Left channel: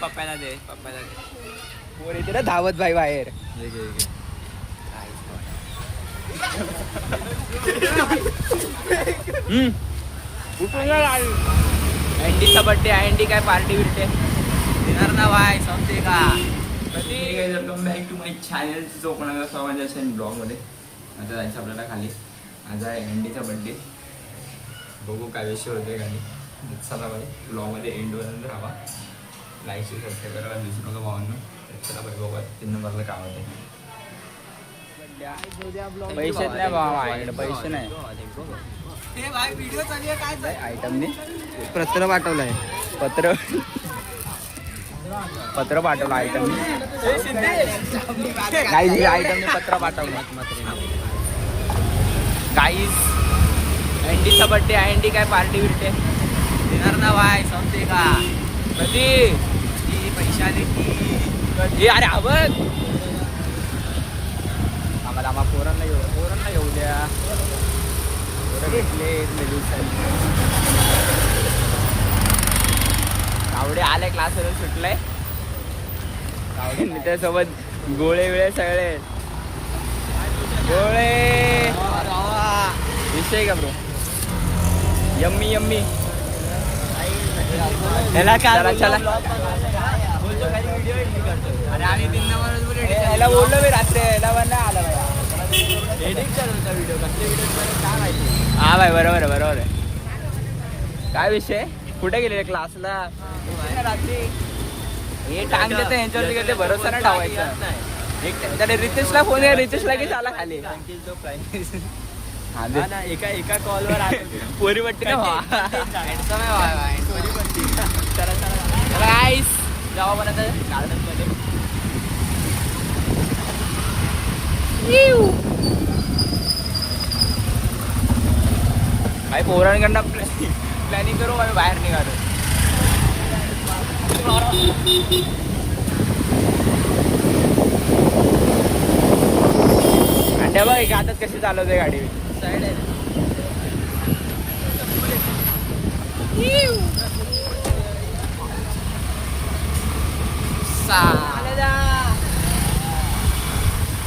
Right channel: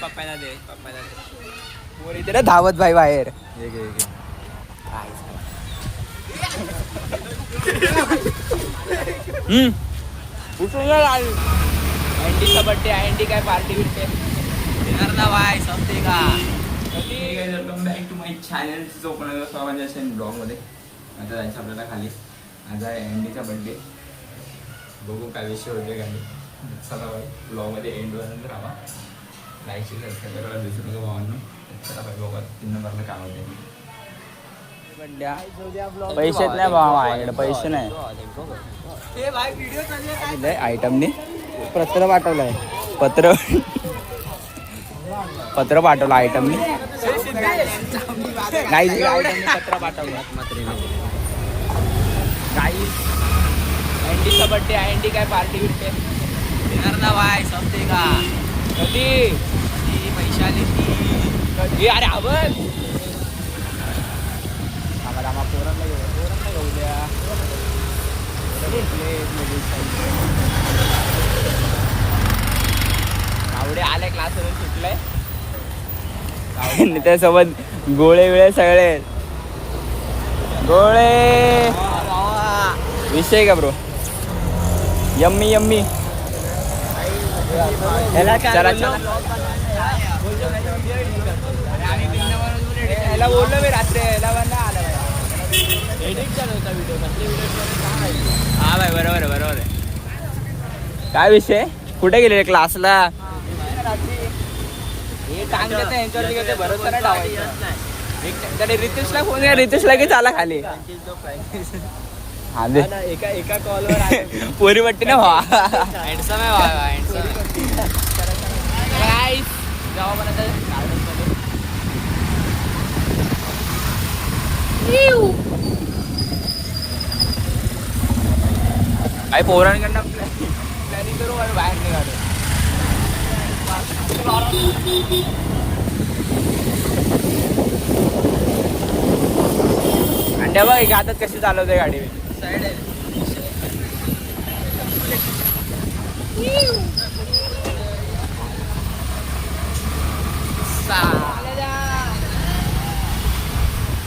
पप्पाला दे बोल इथे ना धावत भाई बाहेर. अँडीचा बर्थडे आहे. अँडी काय पार्टी बिर्टी येणार ना भाई समजे का. Welcome back to my channel. जो कोणाला स्वागत असेल ब्लॉगमध्ये. आता जायचं आपल्याला खाली. आज आहे अँडीचा बर्थडे. बघू काय विषय होते खाली. चला भाई ब्लॉगमध्ये एंडपर्यंत राहा. लाईकची सबस्क्राईब करायला विसरू नका भावांनो. चला भाई बघा 3 नंबरला काय होते. पैसे नाही भावा, पैसे नाही. आयटमने पत्र पाठवलंय. पत्र पाठवलं आयटमने. काही आयटमने पत्र पाठवलं. काही अँडीचा बर्थडे आहे. अँडी काय पार्टी बिर्टी येणार ना भाई समजे का. कधी पैशाने कधी. अरे आवाज आम्हा पोरांना येऊ द्या. आवडे आले क्लासवरून सुटलाय. त्यासोबत गोळे बिळे सगळे गोळे. विषय का ब्रो. Yummy yummy. चला चला. याला बोललो मी रात्री. याला पण आला. हा भाई बरोबर आहे. काय विषय. कुठे गेले क्लासला. हे टांग देते यांच्यावरती घेते. भरोसा नाही ठेवायचा. त्याने रितेशला फोन केला. रितेशला की चाला खाली. एका कॉलवर पोरी वाटते ना भावा. जावा मला गार्डनमध्ये. काही पोरांकडनं प्लॅनिंग करू. आम्ही बाहेर निघालो. आणि त्या बघ एक हातात कशी चालवते गाडी. साईड आहे.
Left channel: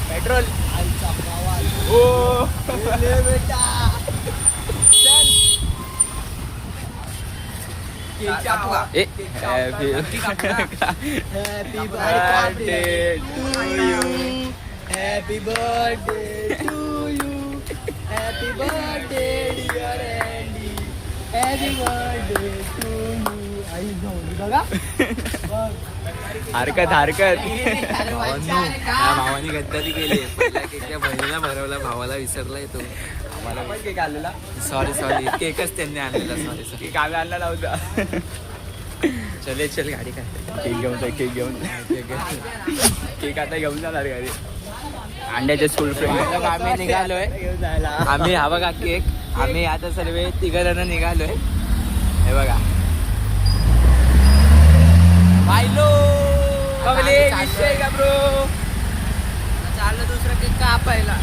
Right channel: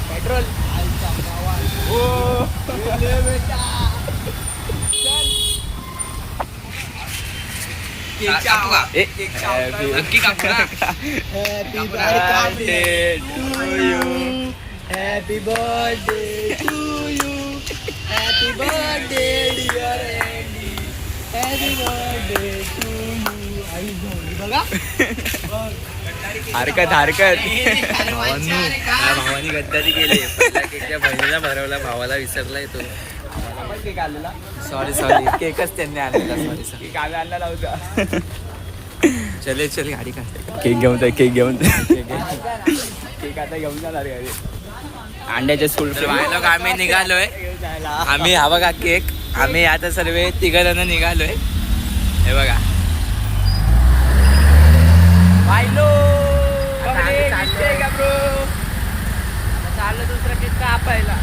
पेट्रोल. ओ बेटा चल. नक्की कापू ना. Happy birthday to you. Happy birthday dear Andy. Happy birthday to you. आई बघा हरकत. भावानी गद्दारी केली. केकच्या बहिणीला भरवला. भावाला विसरलाय तो. आम्हाला पण केक आलेला. सॉरी केकच त्यांनी आणलेला. सॉरी आम्ही आणला नव्हता. चले गाडी काय. केक घेऊन केक आता घेऊन जाणार घरी. अंड्याचे स्कूल लोक आम्ही निघालोय. आम्ही हा बघा केक. आम्ही आता सर्व 3 जण निघालोय. हे बघा बायलो. चाललं दुसरा केक कापायला.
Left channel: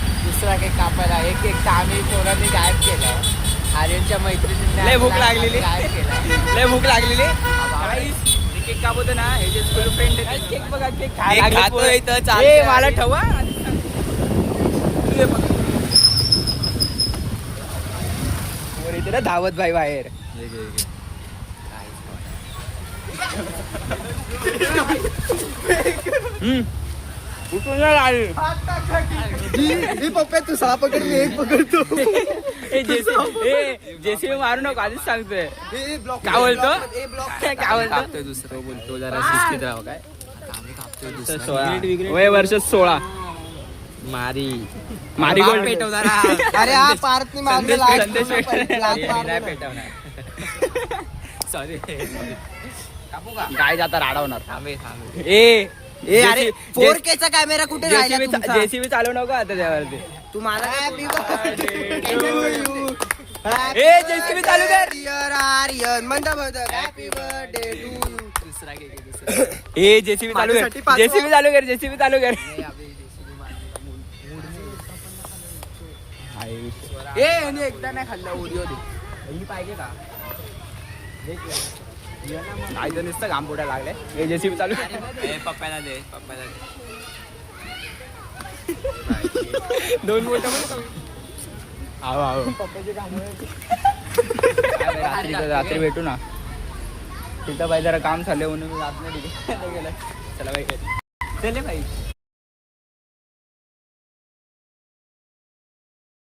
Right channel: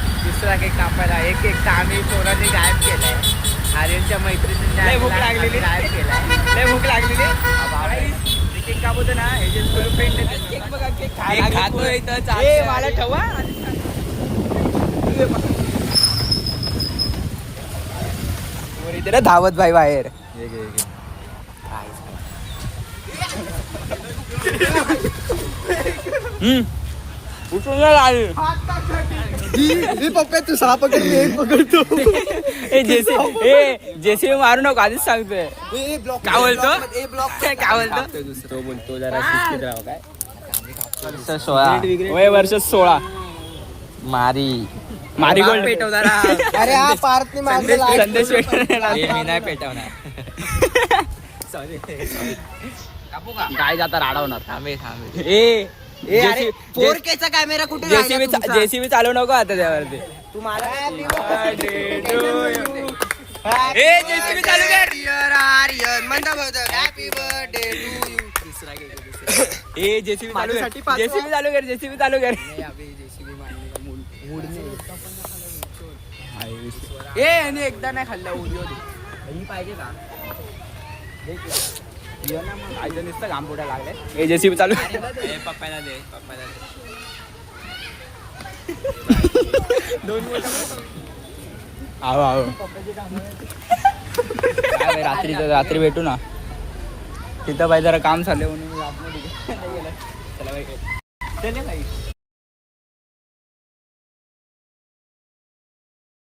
एक केक तर आम्ही पोरांनी गायब केलाय. आर्यनच्या मैत्रिणींनी लय भूक लागलेली. गायब केलाय. लय भूक लागलेली. केक कापतो ना. हे जे स्कूल फ्रेंड खातोय मला ठेवा. इथे ना धावत भाई बाहेर. पप्पा तू 6 पकडले. 1 पकडतो. जेसीबी मारू नको आधीच सांगतोय. काय बोलतो. दुसरं बोलतो जरा शिस्तीत राहा. काय 16 वय वर्ष 16. मारी गोल्ड पेटवणार. अरे हा पार्थ संदेश मी नाही पेटवणार. सॉरी कापू का. काय जाता राडवणार. थांबे फोरकेचा कॅमेरा कुठे. जेसीबी चालू नको आता त्यावरती. तुम्हाला जेसीबी चालू कर. Happy birthday to you. दुसरा केक. जेसीबी चालू कर. जेसीबी चालू कर. एकदा नाही खाल्लं. ओरिओ पाहिजे का. आईचं नुसतं घाम फुटायला लागलाय. हे जेसीबी चालू पप्पाला दे. दोन रात्री भेटू ना तिथं बाई जरा काम चाललंय म्हणून मी आत नाही गेलं. चला बाई चले बाई